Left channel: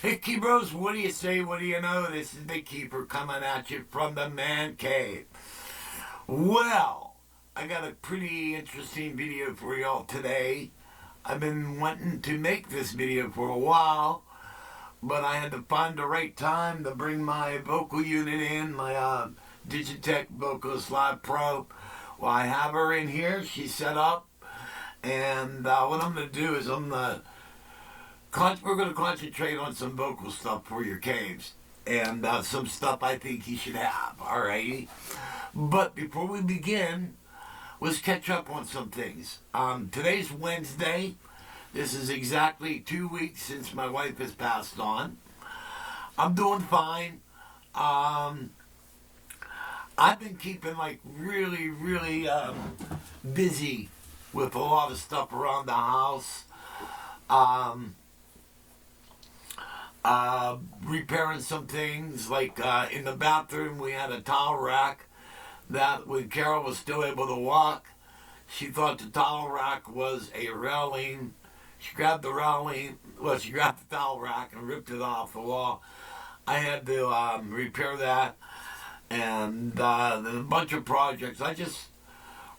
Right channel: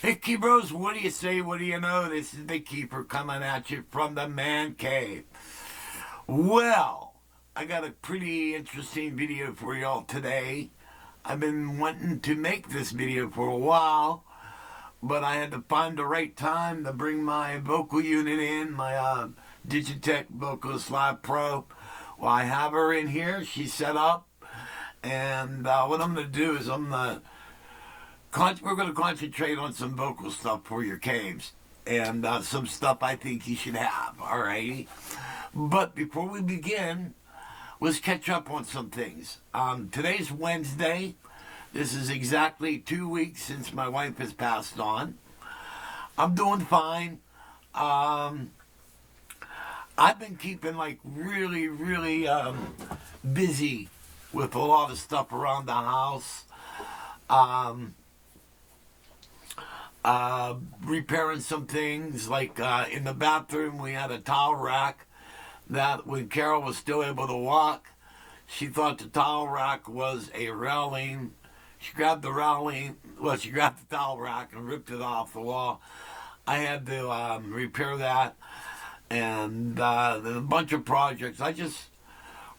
Hey, Keepers, what do you say? What do you know? This is the Keeper coming at you from the man cave. Well, I got a pretty interesting video for y'all today. I've been wanting to make this video for a while, but I had to find the right time to bring my vocal unit in, my Digitech Vocalist Live Pro. Well, I have her in here. She's set up. And what I'm going to do is we're going to concentrate on some vocal stuff for your caves and some stuff I think you should have, alrighty? But before we begin, let's catch up on some things. Today's Wednesday. This is exactly 2 weeks since my wife has passed on. I'm doing fine. I've been keeping really busy with a lot of stuff around the house. Repairing some things, like in the bathroom we had a towel rack that when Carol was still able to walk, she thought the towel rack was a railing. She grabbed the towel rack and ripped it off the wall. I had to repair that, and there's a bunch of projects. I just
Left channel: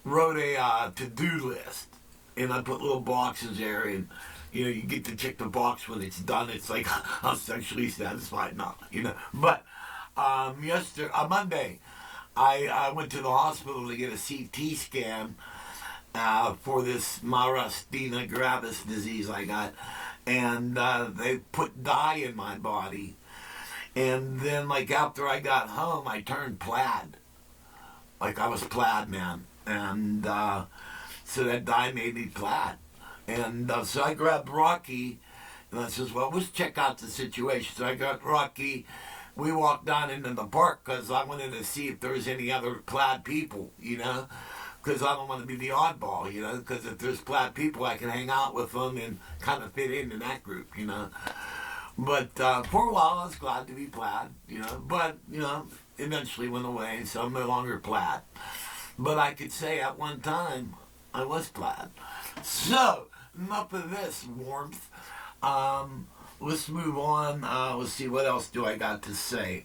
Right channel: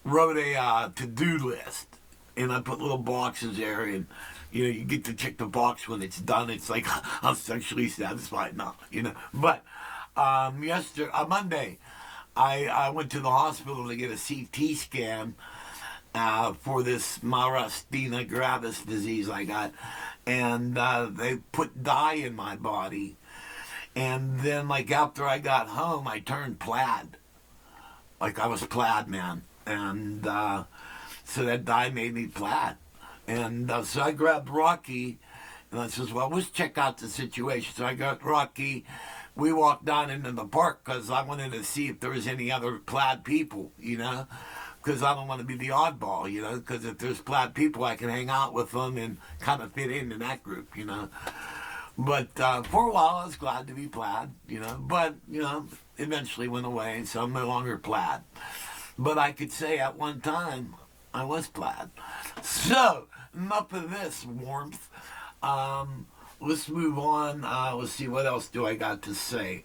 wrote a to-do list, and I put little boxes there, and you get to check the box when it's done. It's like I'm sexually satisfied now, But Monday, I went to the hospital to get a CT scan for this myasthenia gravis disease I got, and they put dye in my body, and then after I got home, I turned plaid, I was plaid man, and so that dye made me plaid. And so I grabbed Rocky, and I says, well, let's check out the situation. So I got Rocky. We walked down into the park because I wanted to see if there was any other plaid people, because I don't want to be the oddball, because if there's plaid people, I can hang out with them and kind of fit into that group, But for a while, I was glad to be plaid, but, eventually went away, so I'm no longer plaid. But I could say at one time, I was plaid. So, enough of this warmth. Let's move on. Let's see, what else do I got to say?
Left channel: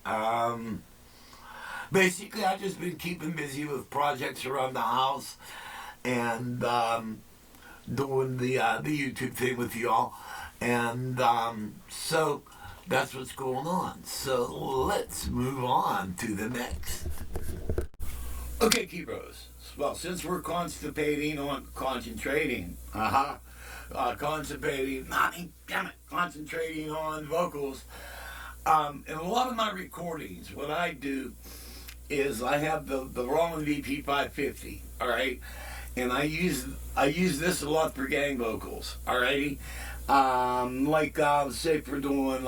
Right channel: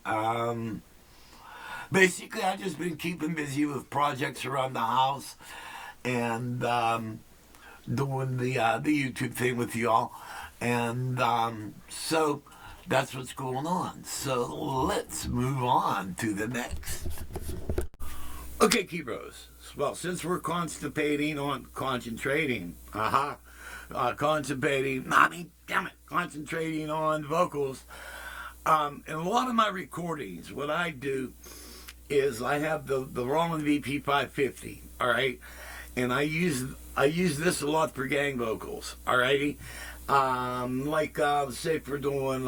Basically, I've just been keeping busy with projects around the house and doing the YouTube thing with y'all. And so that's what's going on. So let's move on to the next. Okay, Keepers. Well, since we're concentrating on vocals, in a lot of my recordings, what I do is I have the Roland VP550, all right, and I use this a lot for gang vocals, alrighty, say if we're doing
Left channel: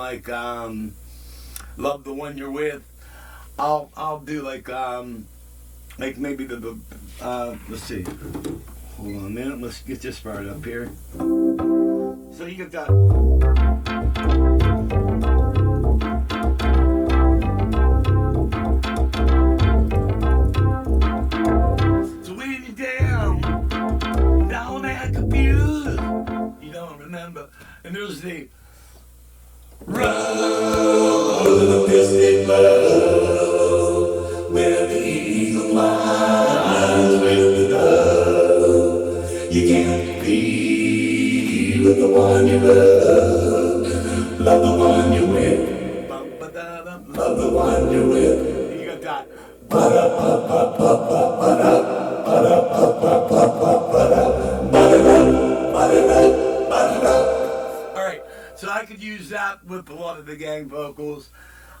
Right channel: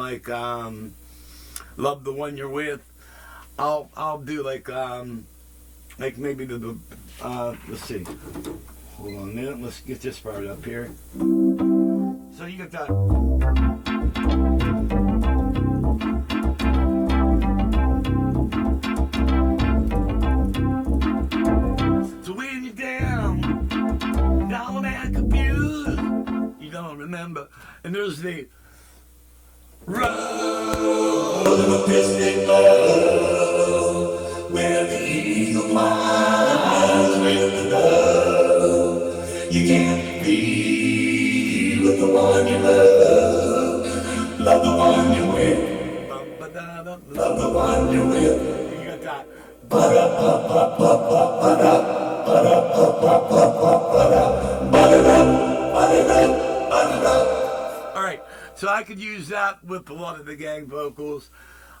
Love the One You're With, I'll do maybe let's see. Hold on a minute. Let's get this part up here. So you get that. So when you're down and confused, you don't remember. And there's the road with a piston glow, where the eagle flies with the dove. You can't be with the one you love. Love the one you're with. Love the one you're with. You got that. Alright, so I could use that with a lot of the gang vocals.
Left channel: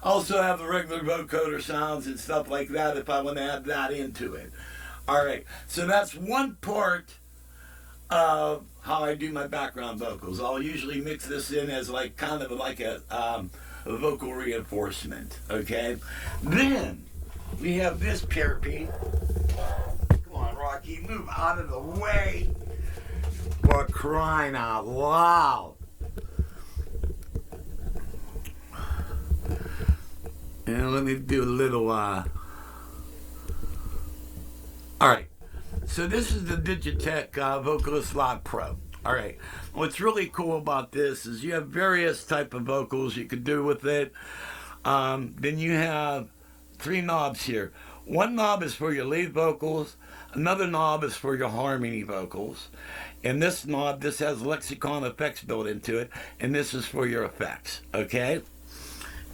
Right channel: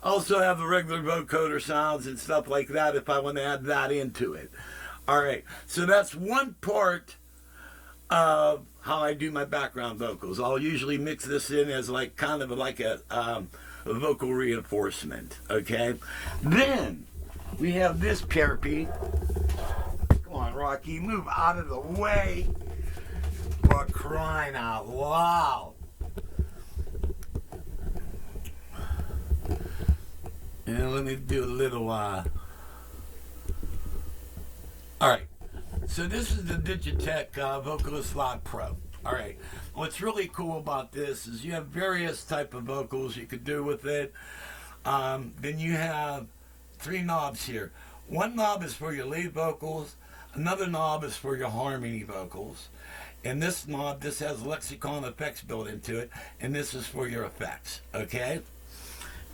Also have the regular vocoder sounds and stuff like that if I want to add that into it. Alright, so that's one part of how I do my background vocals. I'll usually mix this in as a vocal reinforcement, okay? Then we have this Carpy. Come on, Rocky, move out of the way. For crying out loud. And let me do a little, alright. So this is the Digitech Vocalist Live Pro. Alright. what's really cool about this is you have various type of vocals you could do with it. Then you have 3 knobs here. One knob is for your lead vocals. Another knob is for your harmony vocals. And this knob, this has Lexicon effects built into it. And this is for your effects, okay?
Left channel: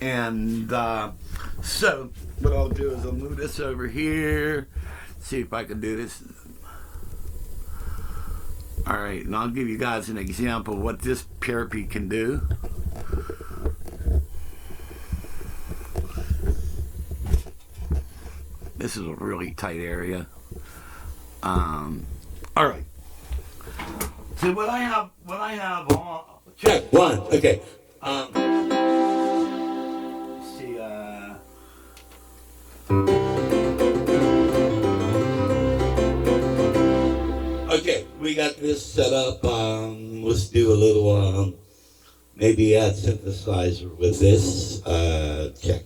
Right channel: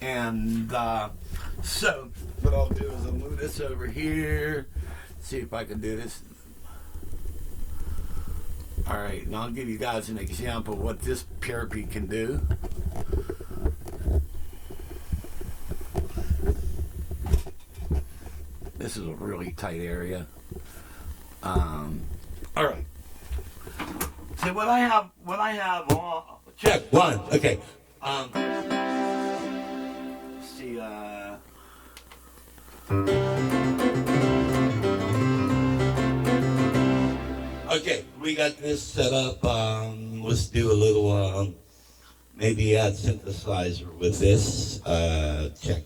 And so what I'll do is I'll move this over here. See if I can do this. Alright, and I'll give you guys an example of what this Parapeat can do. This is a really tight area. Alright. So what I have on, check, 1, okay. See, okay, we got this set up. Let's do a little, maybe add synthesizer with this. Check.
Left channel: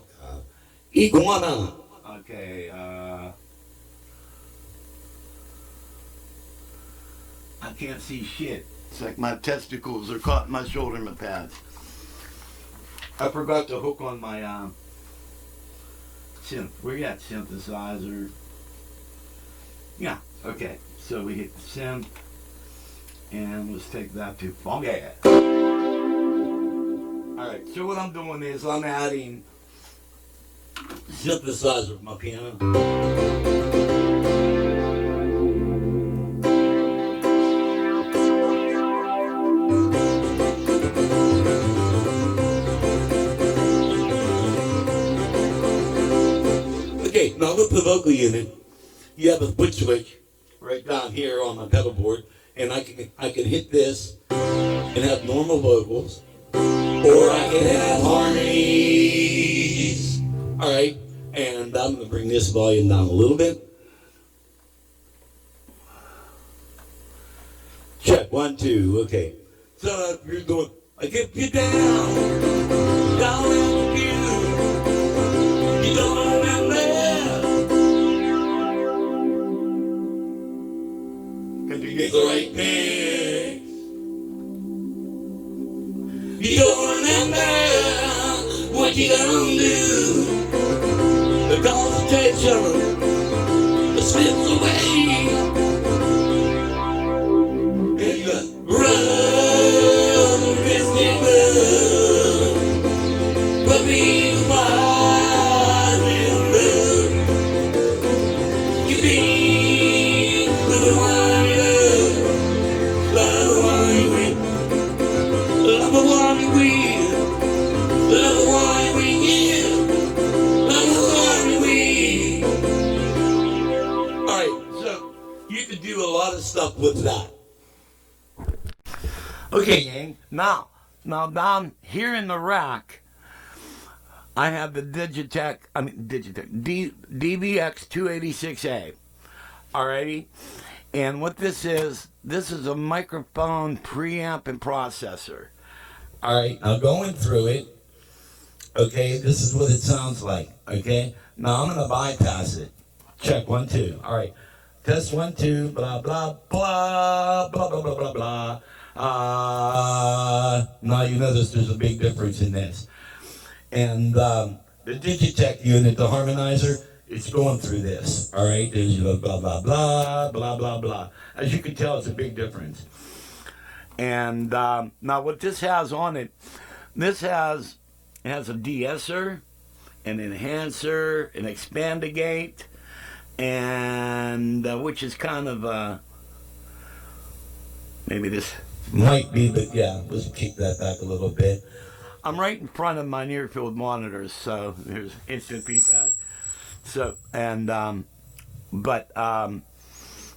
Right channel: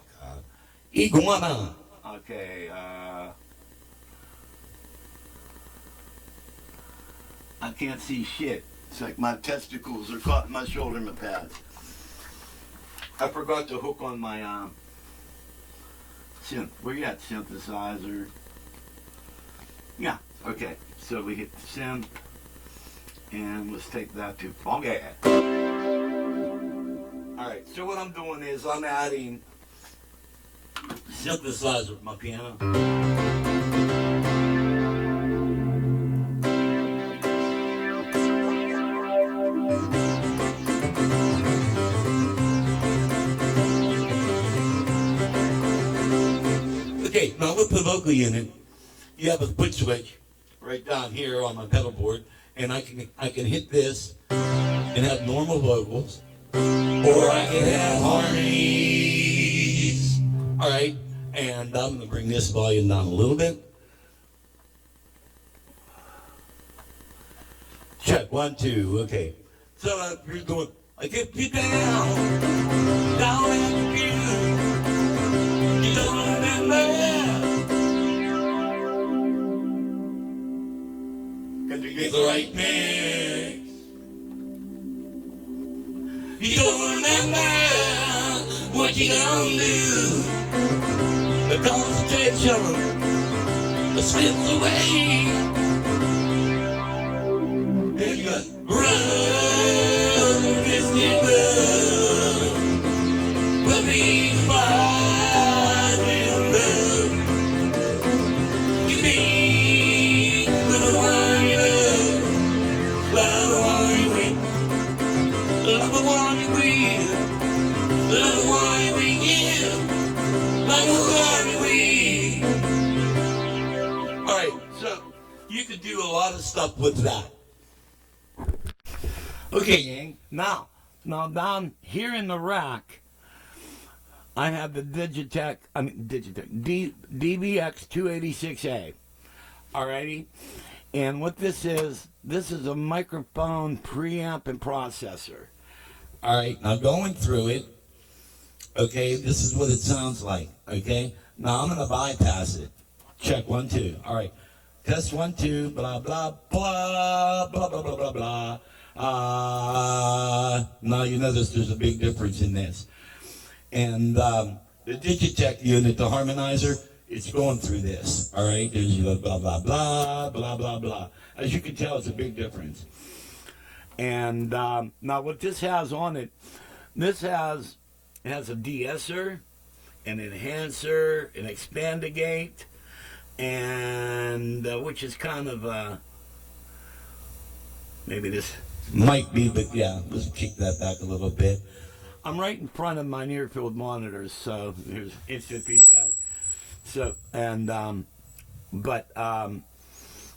Iguana. Okay, I can't see shit. It's like my testicles are caught in my shoulder pads. I forgot to hook on my, synth. We got synthesizer. Yeah, okay. So we hit the synth, and let's take that to funky. Alright, so what I'm doing is I'm adding synthesizer with my piano. Okay, now with the vocal unit, you have a foot switch right down here on my pedal board, and I can hit this and have normal vocals, or I can have harmonies. All right, and I'm going to bring this volume down a little bit. Check, 1, 2, okay. So you're going, I get you down in the you don't remember. Can you get the right mix? You don't remember what you gonna do. The concentration slips away. And you run, Christy, run. But be fine in love. You be with the one you love the one you win. Love the one you win. Love the one we give. Love the one we win. Alright, so you can do a lot of stuff with that. Okay, gang. Now down here in the rack, I have the Digitech DBX286A. Alrighty? And what this is a microphone preamp and processor. Alright, now going through it, okay, this is what it sounds like, okay? Now I'm going to bypass it. Check, 1, 2. Alright, test 1, 2, blah, blah, blah, blah, blah, blah, blah, blah. Now you notice there's a big difference in this. And the Digitech unit, the harmonizer, it's going through this. All right, there's blah, blah, blah, blah, blah, blah, blah. As you can tell, it's a big difference. And now what this has on it, this has a de-esser, an enhancer, an expandagate, and which is kind of, maybe this might be, but yeah, let's kick that back a little bit. I'm right in front of my near-field monitors, so there's instant feedback. So, and,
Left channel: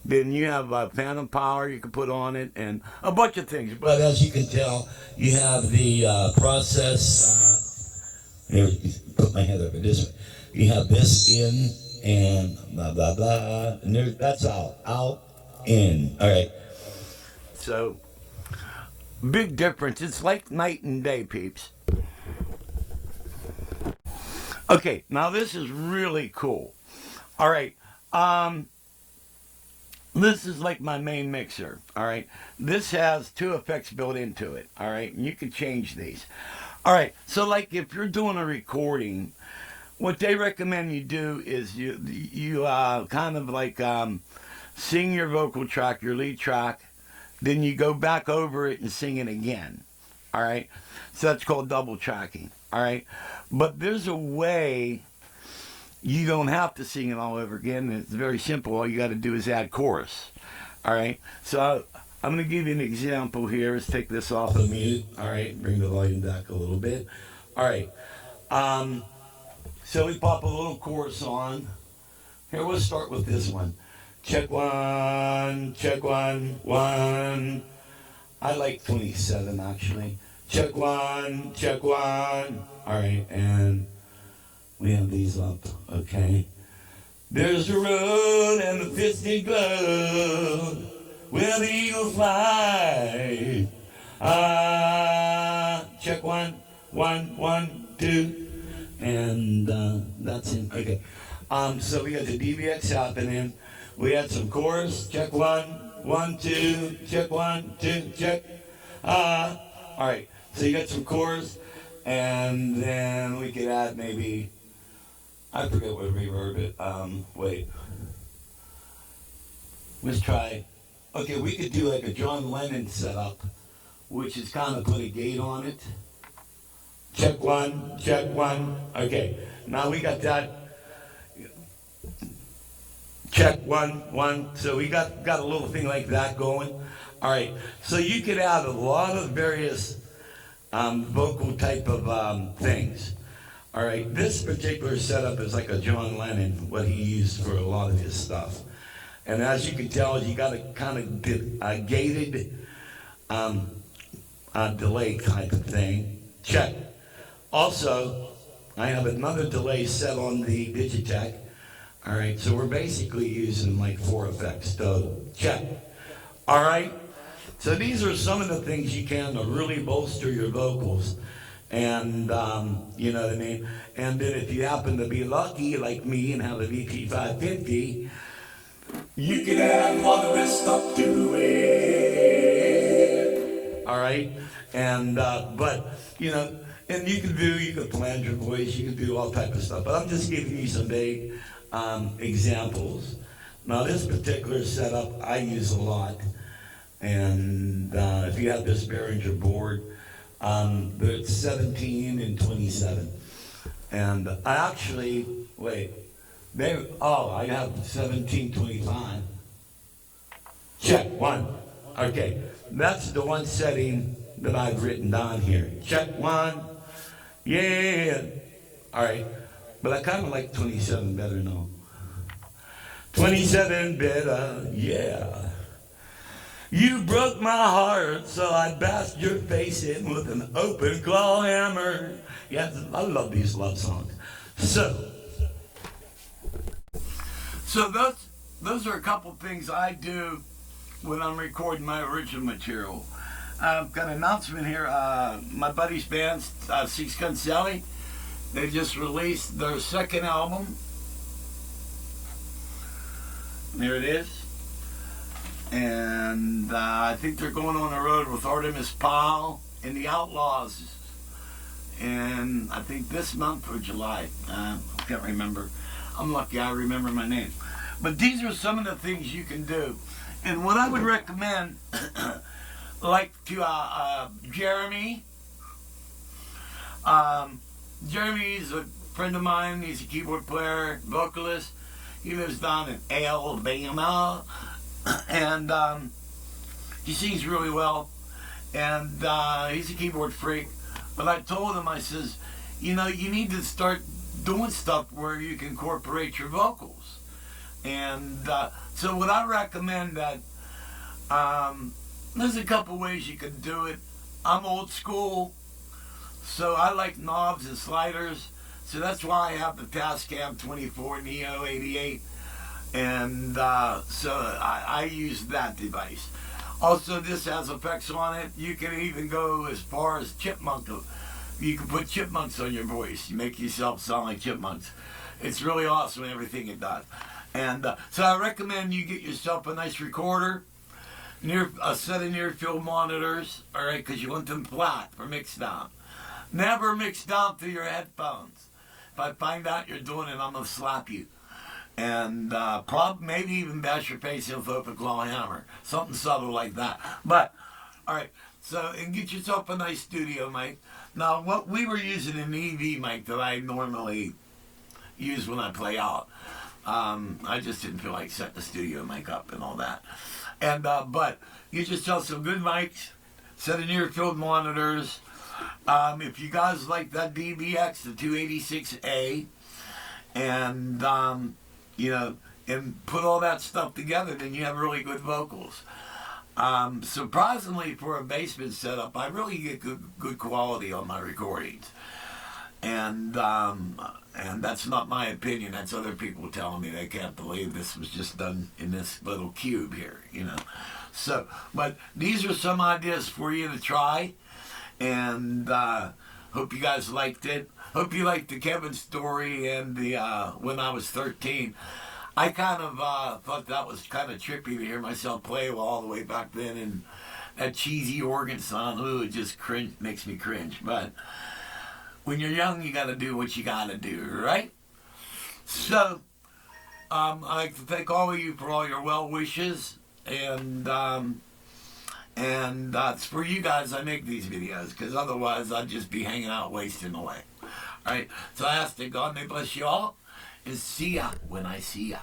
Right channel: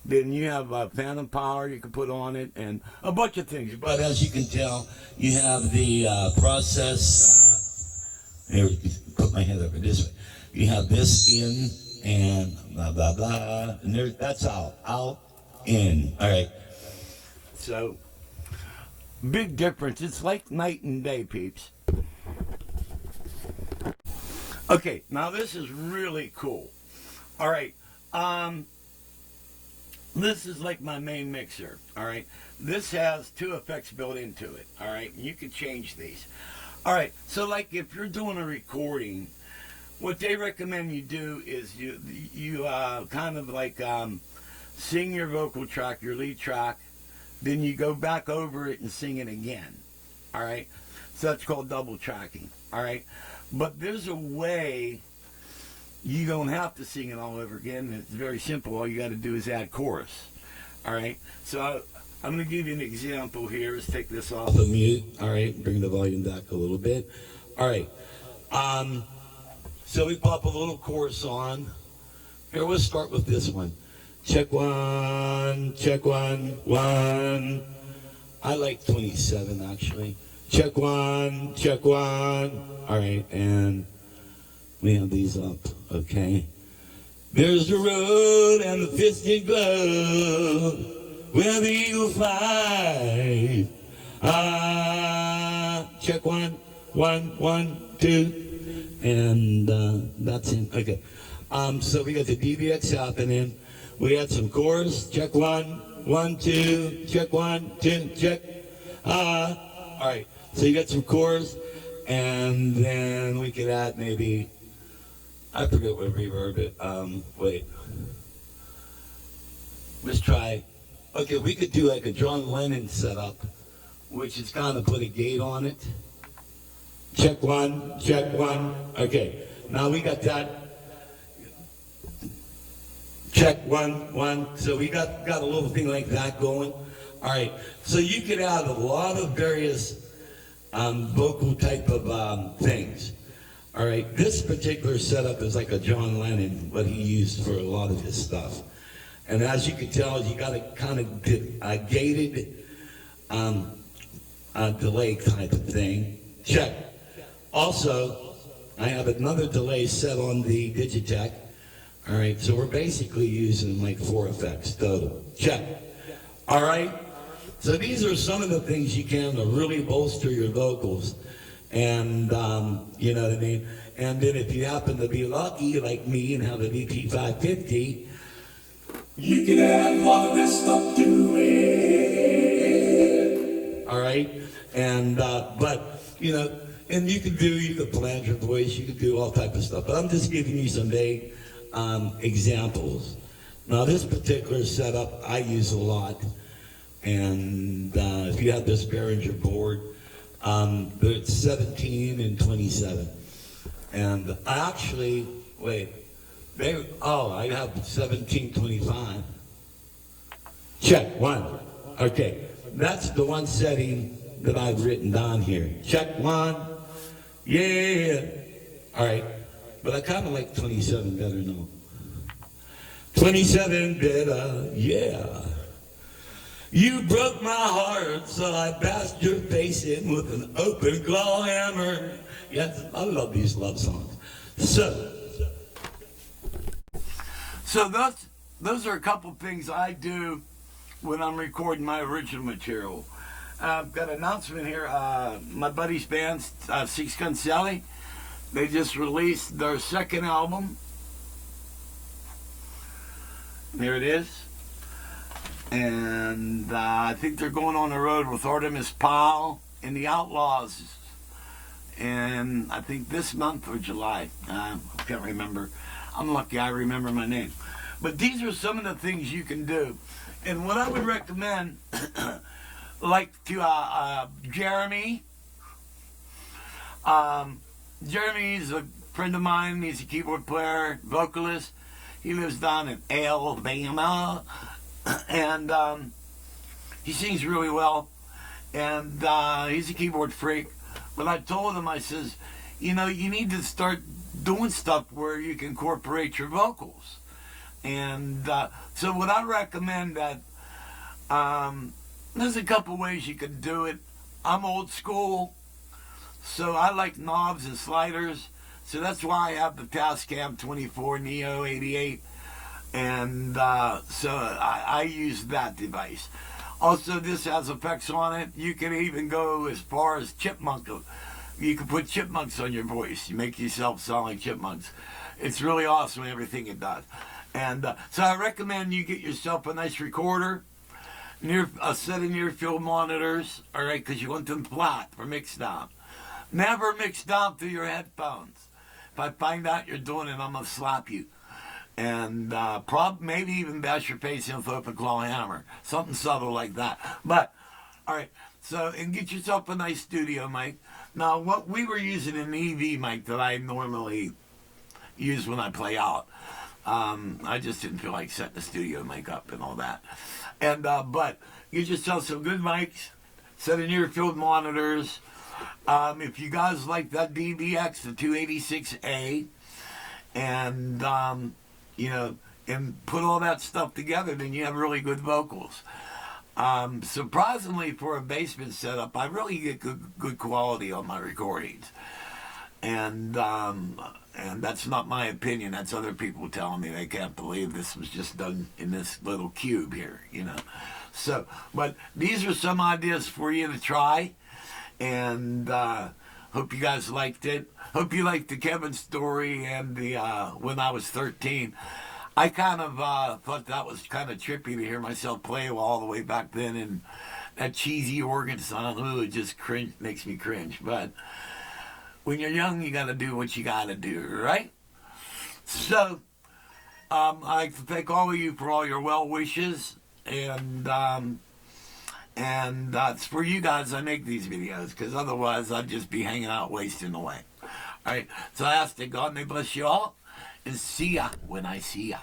then you have phantom power you can put on it, and a bunch of things. But as you can tell, you have the process, here, put my head over this way. You have this in, and blah, blah, blah, and there, that's out, in, all right. So, big difference. It's like night and day, peeps. Okay, now this is really cool. All right, this is like my main mixer, all right? This has two effects built into it, all right? And you can change these. All right, so like if you're doing a recording, what they recommend you do is you kind of like sing your vocal track, your lead track, then you go back over it and sing it again, all right? So that's called double tracking, all right? But there's a way you don't have to sing it all over again. It's very simple. All you got to do is add chorus. All right. So I'm going to give you an example here. Let's take this off of mute. All right. Bring the volume back a little bit. All right. So we pop a little chorus on. Here, we'll start with this one. Check one, one. I like 27 actually. Check one. All right, and we have these up, okay? There's the road and the fisted glove where the eagle flies. Check one, two, and that's it. Okay. So we got the DBX happening. We had some chorus. Check one, two. Check one, two. Check. All right. So you got some chorus, and then we could add maybe. I forget what reverb it. Wait. Let's try. Okay, we could do like a John Lennon setup, which is kind of put a gate on it. Check one. Okay, now we got that. Check one. So we got a little thing like that going. All right, so you can add a lot of various vocal type of things. All right, this particular setup is like a John Lennon, what he used for a lot of his stuff. And as you can tell, you got a kind of gated delay type of thing. Check. Also, I have another delay set on the Digitech. All right, so we're basically using like 4 effects total. Check. All right, so these are some of the things you can to really bolster your vocals. And, you know what I mean? And then if you happen to be lucky like me and have an EP550, you can add a lot of this stuff to it. All right? And, but, you know, and you can flange your voice, you can do all type of stuff. But I'm just giving you some vague examples. Now, this particular setup I use a lot. And if you have this Behringer board, it's 17 and 27. And I actually, I have 1725. Check one. Okay, that's the one setting that I've written down here. Check one. Yeah. All right, but I kind of like 27 better now. 27 better, yeah. You broke my heart, so I bashed your face in with an open claw hammer. Yeah, I love these love songs. So those are a couple things I do when I'm recording my original material. I've got an announcement here. My buddy's band, Six Gun Sally, they just released their second album. There it is. And I think they're going on the road with Artemis Pyle and the Outlaws. And I think this month or July. I can't remember. I'm lucky I remember my name. But these are some of the things you can do. And what I would recommend, like to Jeremy. Jeremy's a friend of mine. He's a keyboard player, vocalist. He lives down in Alabama. And he sings really well. And he's a keyboard freak. But I told him, I says, you know, you need to start doing stuff where you can incorporate your vocals. And so what I recommend that, there's a couple ways you can do it. I'm old school, so I like knobs and sliders. So that's why I have the Tascam 24 Neo 88. And so I use that device. Also, this has effects on it. You can even go as far as chipmunk. You can put chipmunks on your voice. You make yourself sound like chipmunks. It's really awesome, everything it does. And so I recommend you get yourself a nice recorder, a set of near field monitors, all right, because you want them flat for mix down. Never mix down through your headphones. If I find out you're doing it, I'm going to slap you. And maybe even bash your face in with an open claw hammer. Something subtle like that. But, all right, so, and get yourself a nice studio mic. Now, what we were using an EV mic that I normally use when I play out. I just didn't feel like setting the studio mic up and all that. And but get yourself some good mics, set of near field monitors. If you guys like that DBX, the 286A, and and put all that stuff together, then you have really good vocals. Surprisingly, for a basement setup, I really get good quality on my recordings. And that's not my opinion. That's other people telling me they can't believe this was just done in this little cube here, So, but these are some ideas for you to try. And hope you guys liked it. Hope you liked the Kevin story and the when I was 13. I kind of thought that was kind of trippy to hear myself play all the way back then. And that cheesy organ sound, it just makes me cringe. But when you're young, you got to do what you got to do, right? So, I'd like to thank all of you for all your well wishes, and it's for you guys I make these videos, because otherwise I'd just be hanging out wasting away. All right, so I ask that God may bless you all, and see ya when I see ya.